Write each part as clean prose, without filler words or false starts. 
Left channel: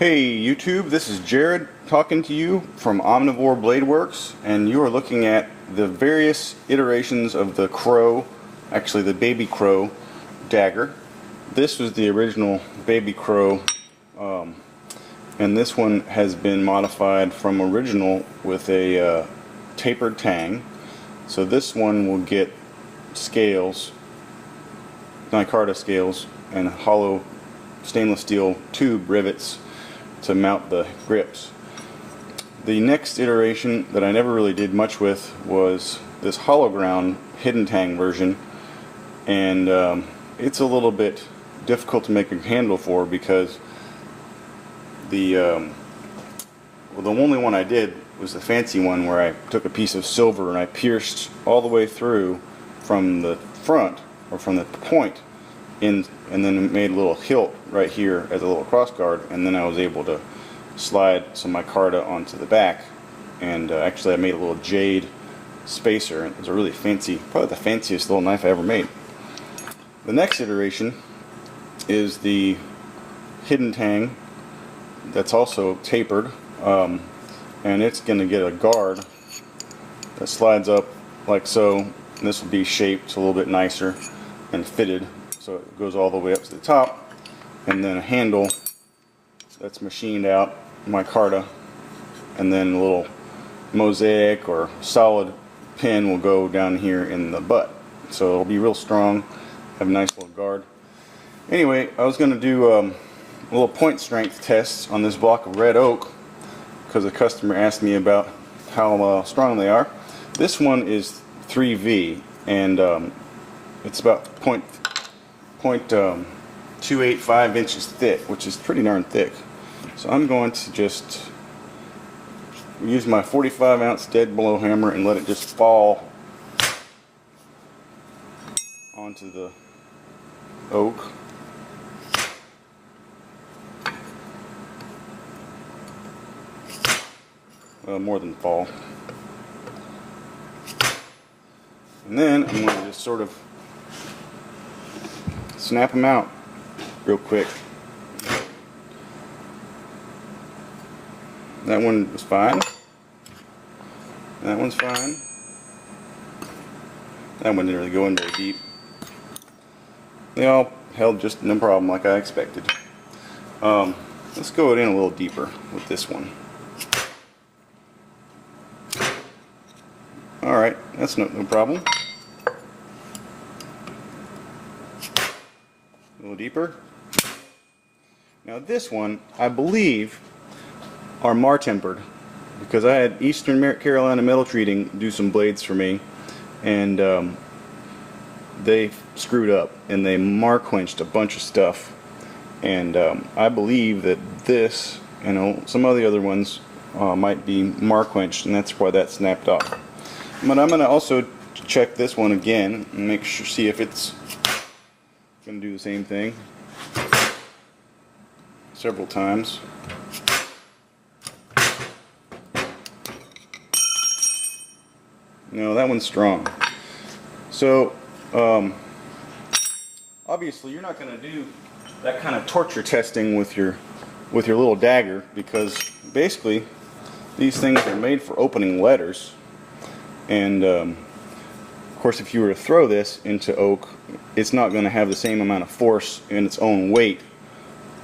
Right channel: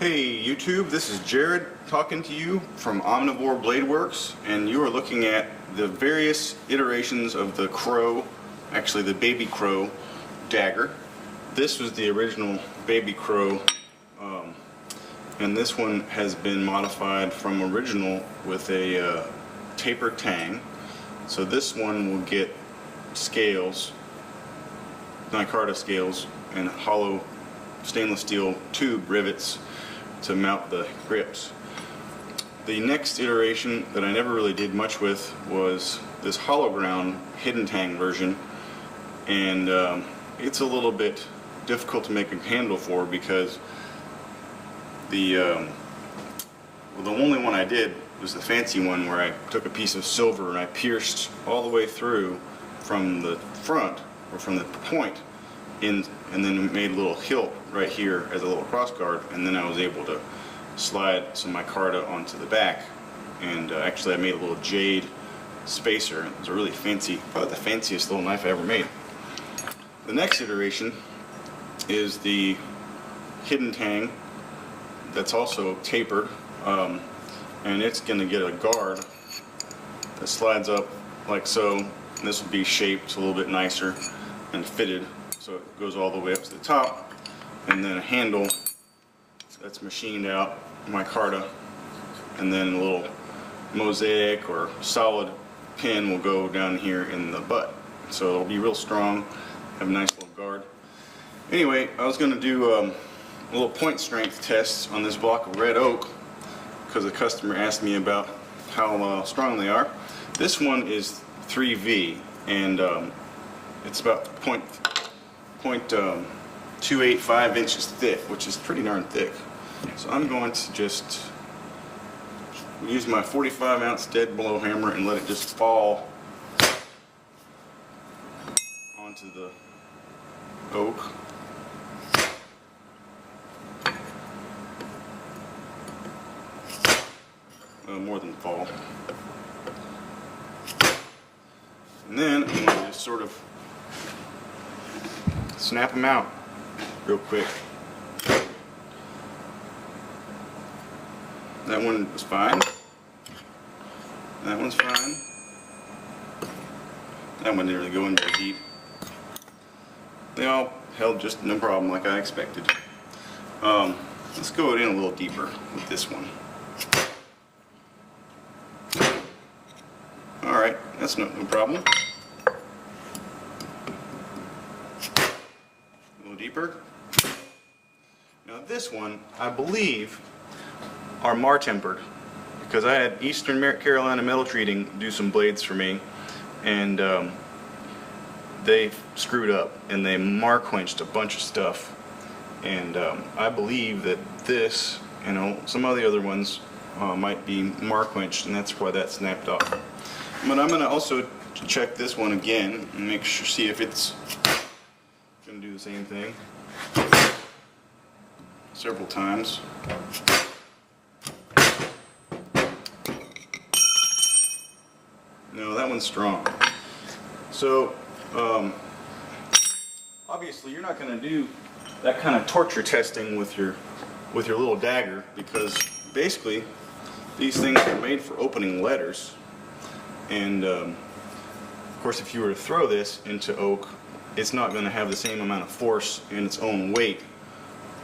Hey YouTube, this is Jared talking to you from Omnivore Blade Works, and you are looking at the various iterations of the crow, actually the baby crow dagger. This was the original baby crow, and this one has been modified from original with a tapered tang. So this one will get scales, micarta scales, and hollow stainless steel tube rivets to mount the grips. The next iteration that I never really did much with was this hollow ground hidden tang version, and it's a little bit difficult to make a handle for because the only one I did was the fancy one where I took a piece of silver and I pierced all the way through from the front, or from the point in, and then made a little hilt right here as a little cross guard, and then I was able to slide some micarta onto the back, and actually I made a little jade spacer. It was a really fancy, probably the fanciest little knife I ever made. The next iteration is the hidden tang that's also tapered, and it's going to get a guard that slides up like so, and this will be shaped a little bit nicer and fitted, so it goes all the way up to the top, and then a handle that's machined out micarta, and then a little mosaic or solid pin will go down here in the butt, so it'll be real strong, have a nice little guard. Anyway, I was going to do a little point strength test on this block of red oak because a customer asked me about how strong they are. This one is 3V, and it's about 0.285 inches thick, which is pretty darn thick. So I'm going to just use my 45-ounce dead blow hammer and let it just fall onto the oak. Well, more than fall. And then I'm going to just sort of snap them out real quick. That one was fine. That one's fine. That one didn't really go in very deep. They all held just no problem, like I expected. Let's go in a little deeper with this one. Alright, that's no problem. A little deeper. Now this one, I believe, are mar-tempered, because I had Eastern Carolina Metal Treating do some blades for me, and they screwed up and they mar-quenched a bunch of stuff, and I believe that this, some of the other ones might be mar-quenched, and that's why that snapped off. But I'm going to also check this one again and make sure, see if it's going to do the same thing several times. No, that one's strong. So obviously you're not going to do that kind of torture testing with your little dagger, because basically these things are made for opening letters. And of course, if you were to throw this into oak, it's not going to have the same amount of force in its own weight,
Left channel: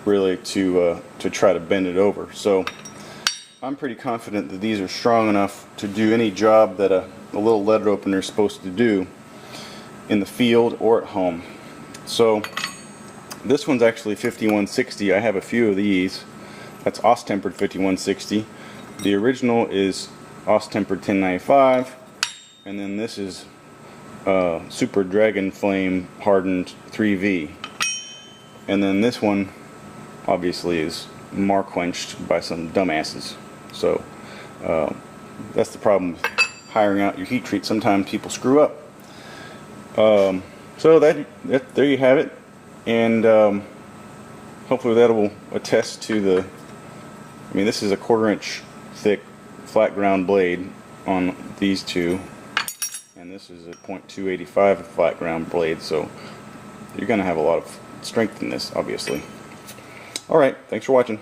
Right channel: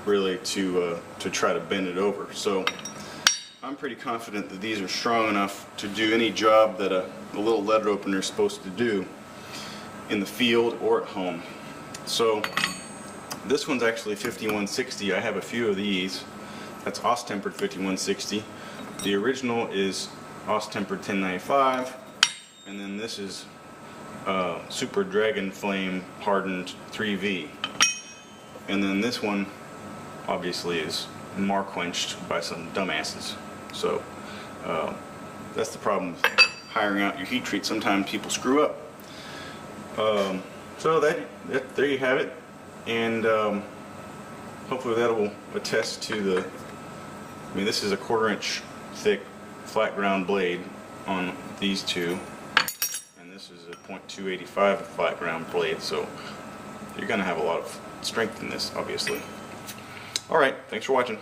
really, to try to bend it over. So I'm pretty confident that these are strong enough to do any job that a little letter opener is supposed to do in the field or at home. So this one's actually 5160. I have a few of these. That's Aus-tempered 5160. The original is Aus-tempered 1095. And then this is Super Dragon Flame hardened 3V. And then this one obviously is mar-quenched by some dumbasses. So that's the problem with hiring out your heat treat. Sometimes people screw up. So there you have it. And hopefully that will attest to the, this is a 1/4 inch thick flat ground blade on these two. And this is a 0.285 flat ground blade, so you're going to have a lot of strength in this, obviously. Alright, thanks for watching.